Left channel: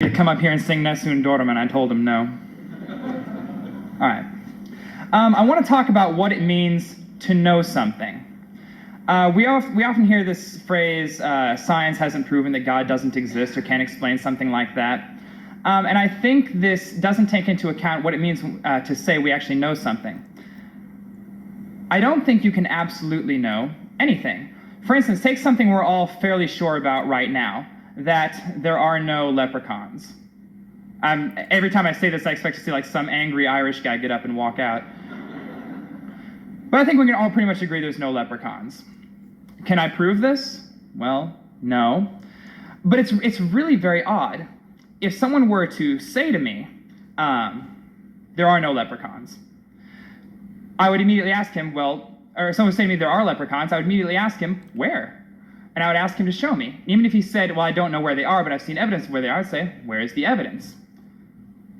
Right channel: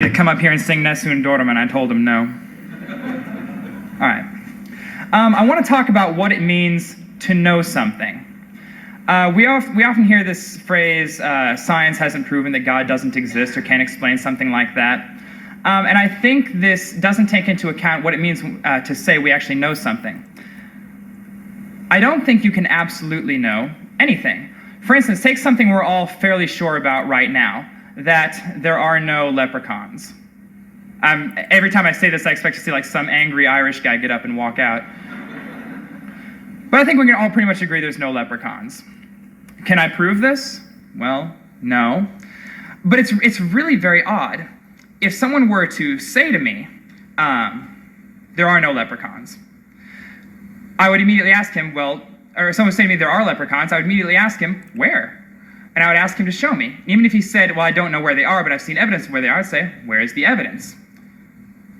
To come up here and sing Nessun Dorma, and I told him no. All right. I want to talk about what it means to know something. We often hear this phrase, science hasn't proven that God doesn't exist or can't explain something like that. And I think this doesn't take into account what it means to say we actually know something. I don't think you can absolutely know anything. For instance, take something we're all fairly sure about right now, that there are no leprechauns. Every time I say this, I expect to see like some angry Irish guy get up and walk out. But I think we can all pretty much agree there's no leprechauns. Can I prove this? Well, no. But it's really very odd. If someone were to say to me, there are no leprechauns, I would immediately ask him, well, or someone would say to me there are leprechauns, I would immediately ask him, where? And I would ask him to show me. Even if he said, well, I don't know where they are, but I've seen evidence of where they are, I'd say, where is the evidence?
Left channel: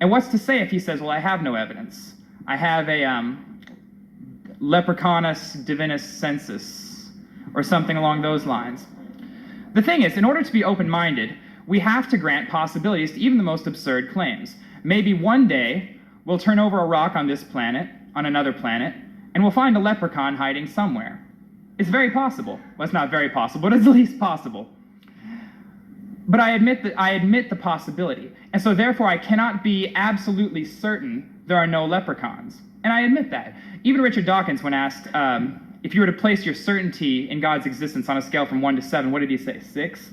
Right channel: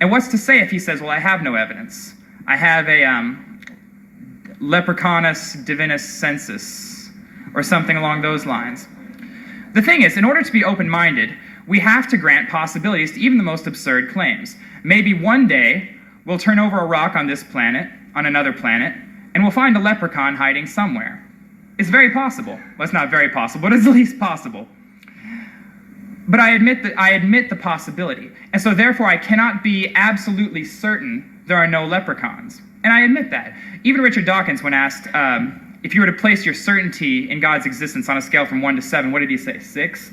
And what's to say if he says, well, I have no evidence? I have a leprechaunus divinus sensus, or something along those lines. The thing is, in order to be open-minded, we have to grant possibilities to even the most absurd claims. Maybe one day, we'll turn over a rock on this planet, on another planet, and we'll find a leprechaun hiding somewhere. It's very possible. Well, it's not very possible, but it's at least possible. But I admit the possibility. And so therefore I cannot be absolutely certain there are no leprechauns. And I admit that. Even Richard Dawkins, when asked if you were to place your certainty in God's existence on a scale from 1 to 7, what did he say? 6?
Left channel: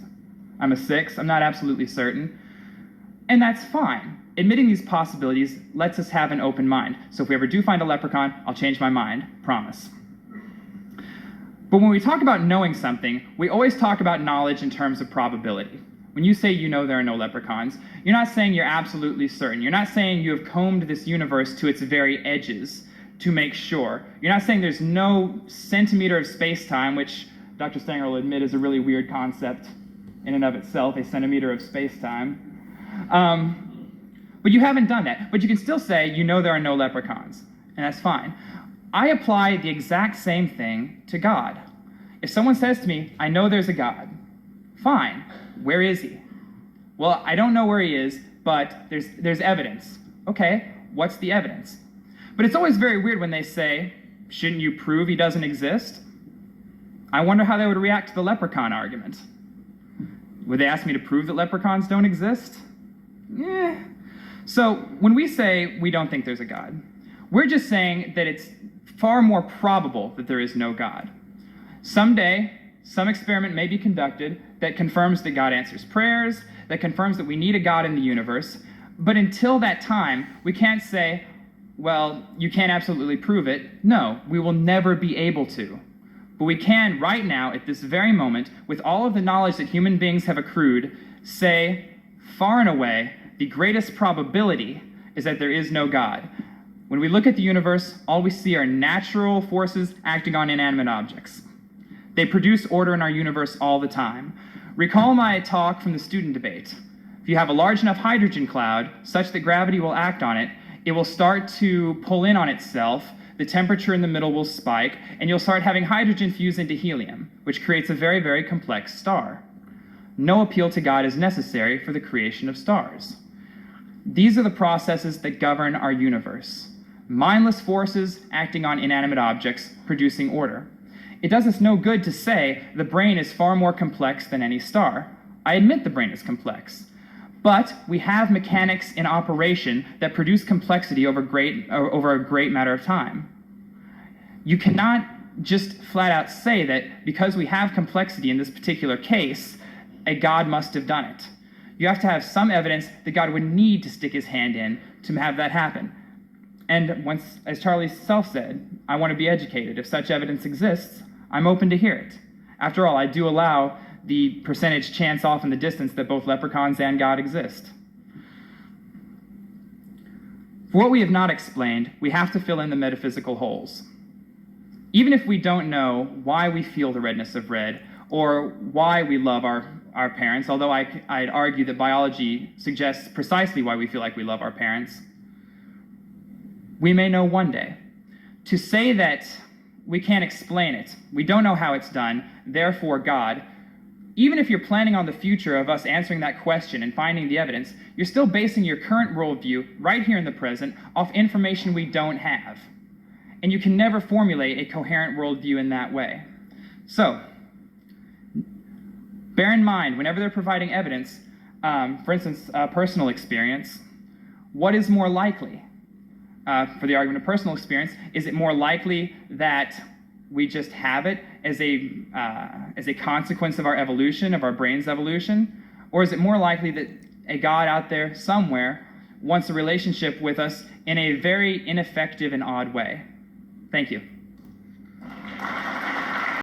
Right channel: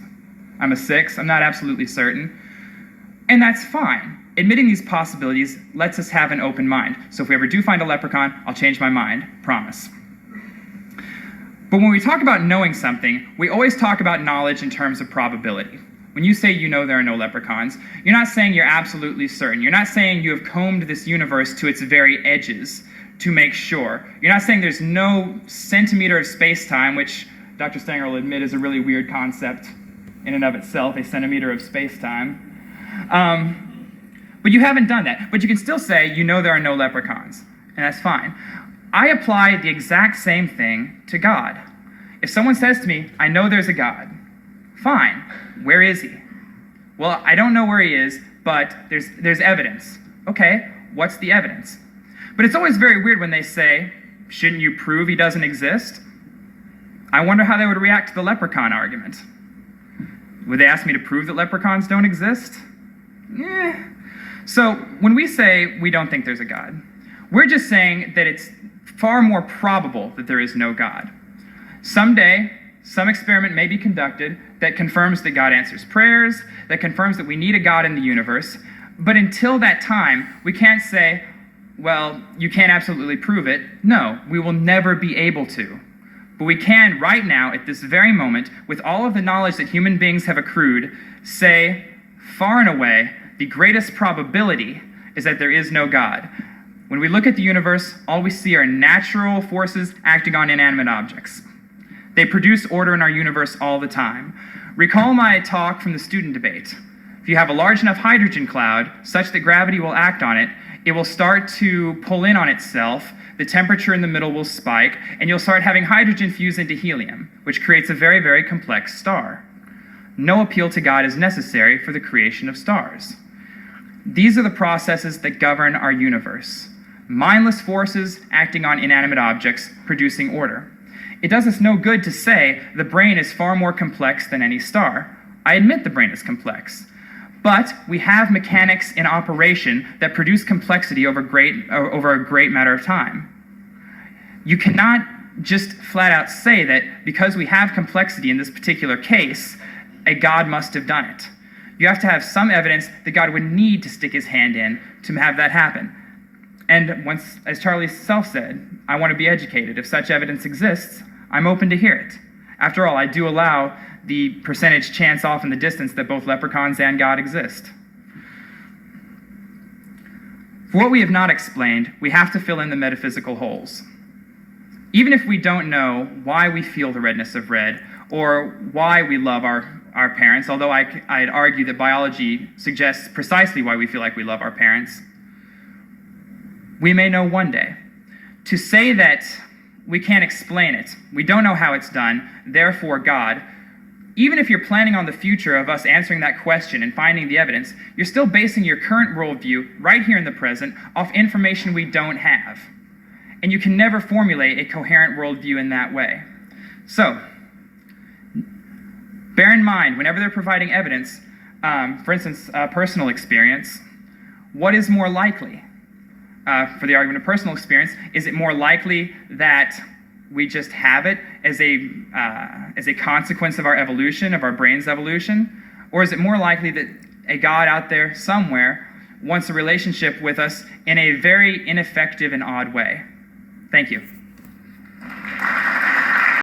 I'm a 6. I'm not absolutely certain. And that's fine. Admitting these possibilities lets us have an open mind. So if we ever do find a leprechaun, I'll change my mind. Promise. But when we talk about knowing something, we always talk about knowledge in terms of probability. When you say you know there are no leprechauns, you're not saying you're absolutely certain. You're not saying you have combed this universe to its very edges to make sure. You're not saying there's no centimeter of space-time, which Dr. Stanger will admit is a really weird concept in and of itself, a centimeter of space-time. But you haven't done that. But you can still say you know there are no leprechauns, and that's fine. I apply the exact same thing to God. If someone says to me, I know there's a God, fine, where is he? Well, I don't know where he is, but there's evidence. Okay, what's the evidence? But it's always very weird when they say, shouldn't you prove he doesn't exist? I wonder how they would react to the leprechaun argument. Would they ask me to prove that leprechauns don't exist? So when we say we don't think there's a God, we're just saying that it's far more probable that there is no God. Someday, some experiment may be conducted that confirms that God answers prayers, that confirms that we need a God in the universe, but until that time, we can't say, well, you can't absolutely prove it. No, we will never be able to. But we can, right now, at this very moment, with all of the knowledge that human beings have accrued, say, far and away, the greatest probability is that there is no God. When we look at the universe, all we see are natural forces acting on inanimate objects. They produce order in our universe all the time. Recall my talk from the student debate. If you have a large enough hydrogen cloud, such that gravity will act on it, it will start to pull in on itself, the temperature in the middle will spike, and you'll start having hydrogen fuse into helium, which creates a very, very complex star. No appeal to God is necessary for the creation of stars. These are the processes that govern our universe. Mindless forces acting on inanimate objects, producing order. It does us no good to say the brain is far more complex than any star. I admit the brain is complex. But we have mechanics in operation that produce complexity over a great matter of time. You cannot just flat out say that because we have complexity in this particular case, a God must have done it. You have to have some evidence that God would need to stick his hand in to have that happen. And once, as Charlie Self said, I want to be educated. If such evidence exists, I'm open to hear it. After all, I do allow the percentage chance off in the distance that both leprechauns and God exist. For what we have not explained, we have to fill in the metaphysical holes. Even if we don't know why we feel the redness of red, or why we love our parents, although I'd argue that biology suggests precisely why we feel like we love our parents, we may know one day. To say that we can't explain it, we don't know how it's done, therefore God, even if you're planning on the future of us answering that question and finding the evidence, you're still basing your current worldview right here in the present off information we don't have. And you can never formulate a coherent worldview in that way. So, bear in mind, whenever they're providing evidence, for instance, personal experience, what is more likely? For the argument of personal experience, is it more likely that we just have it as a consequence of our evolution, of our brain's evolution? Or is it more likely that a God out there somewhere wants a relationship with us in a very ineffective and odd way? Thank you.